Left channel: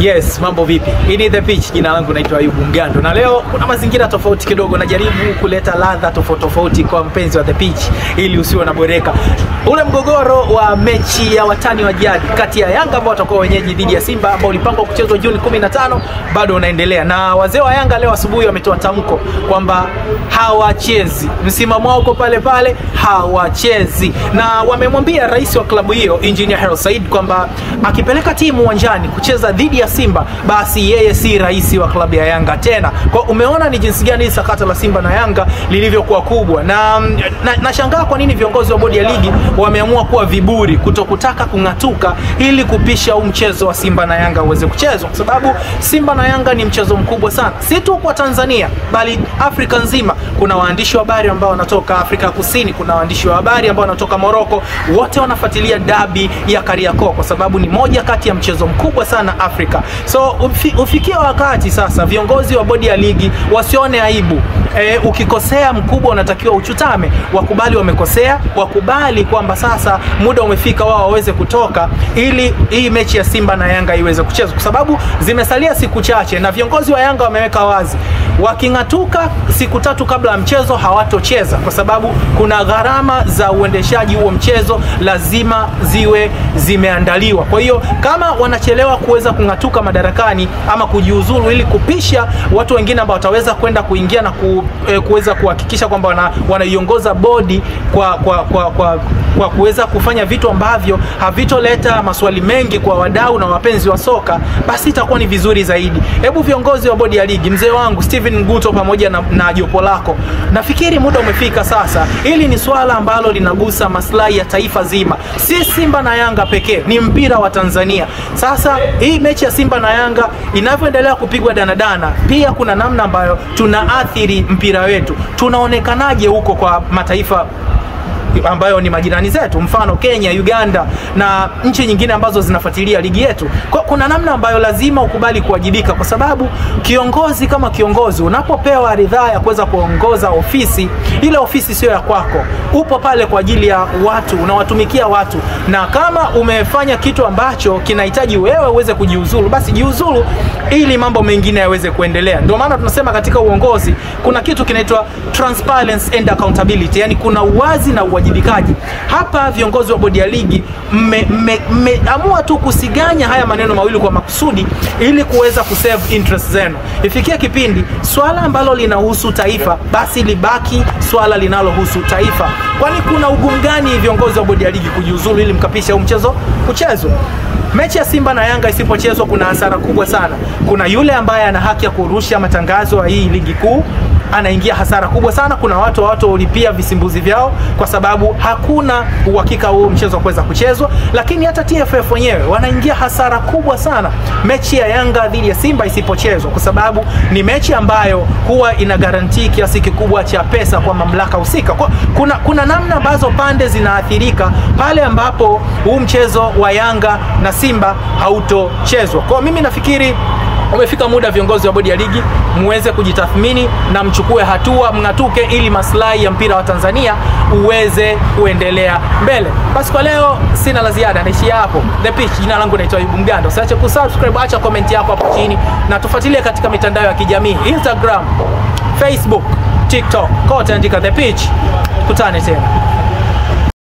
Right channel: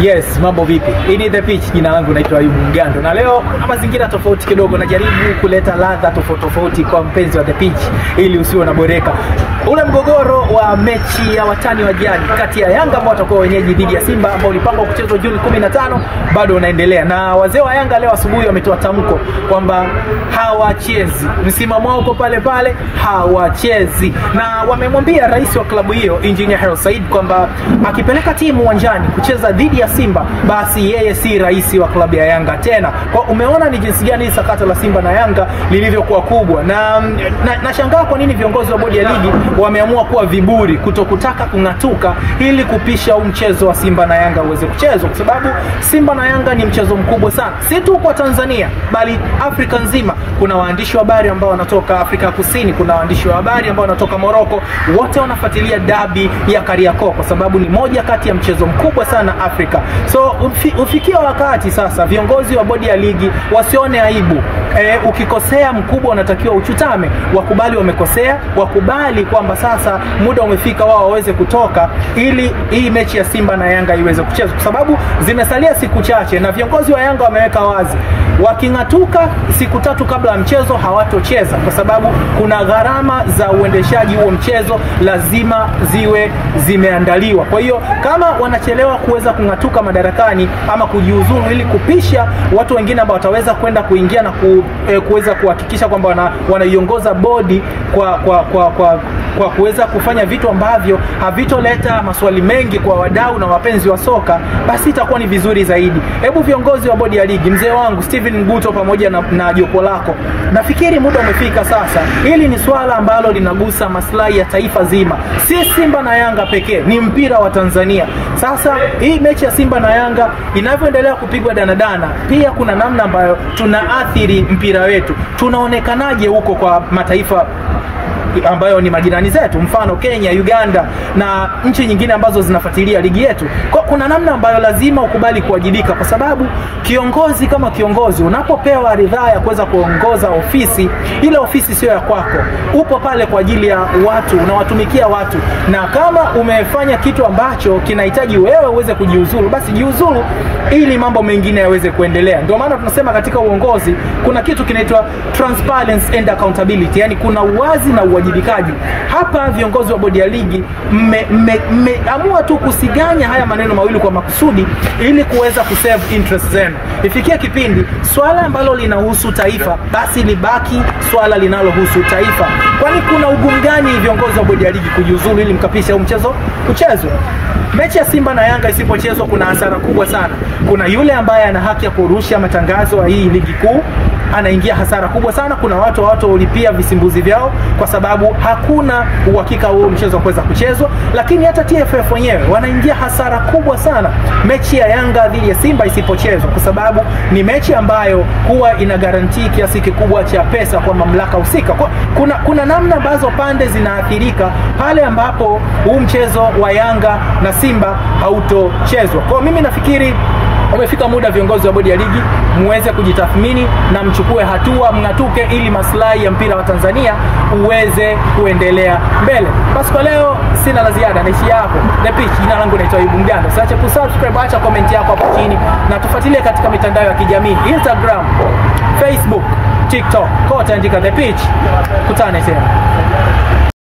Yes, mambo vipi? Hii ni The Pitch, jina langu naitwa Ayubu Mgando. Na leo kuna mazingira tofauti kidogo, najaribu kuleta ladha tofauti kwa mpenzi wa The Pitch ili usiwe na boreka. Ule mgogoro wa mechi ya watani wa jadi kati ya Yanga ambao watakuwa wenyeji dhidi ya Simba ambao ulipangwa kuchezwa Juni 15 bado unaendelea. Na wazee wa Yanga leo asubuhi wametoa tamko kwamba hawachezi. Msimamo wao uko pale pale, hawachezi. Na wamemwambia rais wa klabu hiyo Engineer Hersi Said kwamba akipeleka timu uwanjani kucheza dhidi ya Simba basi yeye si rais wa klabu ya Yanga tena. Kwa umeona ni jinsi gani sakata la Simba na Yanga lilivyokuwa kubwa. Na nashangaa kwa nini viongozi wa bodi ya ligi wameamua kuwa viburi kutokutaka kungatuka ili kupisha mchezo wa Simba na Yanga uweze kuchezwa, kwa sababu Simba na Yanga ni mchezo mkubwa sana, si tu kwa Tanzania bali Afrika nzima. Kuna waandishi wa habari ambao wanatoka Afrika Kusini, kuna waandishi wa habari ambao wanatoka Morocco, wote wanafuatilia dabi ya Kariakoo kwa sababu ni moja kati ya mchezo mkubwa sana Afrika. So ufikia wakati sasa viongozi wa bodi ya ligi wasione aibu. Ukikosea mkubwa unatakiwa uchutame, wakubali wamekosea, wakubali kwamba sasa muda umefika wao waweze kutoka ili hii mechi ya Simba na Yanga iweze kuchezwa, kwa sababu zimesalia siku chache na viongozi wa Yanga wameweka wazi wakingatuka siku 3 kabla ya mchezo hawatocheza, kwa sababu kuna gharama za uendeshaji huo mchezo lazima ziwe zimeandaliwa. Kwa hiyo kama wanachelewa kuweza kungatuka madarakani ama kujiuzulu ili kupisha watu wengine ambao wataweza kwenda kuingia na kuweza kuhakikisha kwamba wanaiongoza bodi kwa kuweza kufanya vitu ambavyo havitoleta maswali mengi kwa wadau na wapenzi wa soka, basi itakuwa ni vizuri zaidi. Hebu viongozi wa bodi ya ligi, mzee wangu Steven Nguto pamoja na jopo lako, nafikiri muda umefika sasa. Hili ni swala ambalo linagusa maslahi ya taifa zima, si Simba na Yanga pekee, ni mpira wa Tanzania. Sasa hii mechi ya Simba na Yanga inavyoendelea kupigwa danadana, pia kuna namna ambayo tunaathiri mpira wetu. Tunaonekanaje huko kwa mataifa ambayo ni majirani zetu, mfano Kenya, Uganda na nchi nyingine ambazo zinafuatilia ligi yetu. Kuna namna ambayo lazima ukubali kuwajibika, kwa sababu kiongozi kama kiongozi unapopewa ridhaa ya kuweza kuongoza ofisi, ile ofisi sio ya kwako. Upo pale kwa ajili ya watu, unawatumikia watu, na kama umefanya kitu ambacho kinahitaji wewe uweze kujiuzulu, basi jiuzulu ili mambo mengine yaweze kuendelea. Ndio maana tunasema katika uongozi kuna kitu kinaitwa transparency and accountability, yani kuna uwazi na uwajibikaji. Hapa viongozi wa bodi ya ligi mmeamua tu kusiganya haya maneno mawili kwa makusudi ili kuweza kusave interest zenu. Ifikia kipindi swala ambalo linahusu taifa basi libaki swala linalohusu taifa. Kwani kuna ugumu gani viongozi wa bodi ya ligi kujiuzulu ili mkapisha huu mchezo uchezwe? Mechi ya Simba na Yanga isipochezwa kuna hasara kubwa sana. Kuna yule ambaye ana haki ya kurusha matangazo ya hii ligi kuu, anaingia hasara kubwa sana. Kuna watu ulipia visimbuzi vyao kwa sababu hakuna uhakika huo mchezo kuweza kuchezwa. Lakini hata TFF wenyewe wanaingia hasara kubwa sana mechi ya Yanga dhidi ya Simba isipochezwa, kwa sababu ni mechi ambayo huwa ina guarantee kiasi kikubwa cha pesa kwa mamlaka husika. Kuna namna ambazo pande zinaathirika pale ambapo huu mchezo wa Yanga na Simba hautochezwa. Kwa mimi nafikiri umefika muda viongozi wa bodi ya ligi muweze kujitathmini na mchukue hatua, mngatuke ili maslahi ya mpira wa Tanzania uweze kuendelea mbele. Basi kwa leo sina la ziada, naishia hapo. The Pitch, jina langu naitwa Ayubu Mgando. Usiache kusubscribe, acha comment yako hapo chini na tufuatilie katika mitandao ya kijamii, Instagram, Facebook, TikTok, kote andika The Pitch. Kutane tena.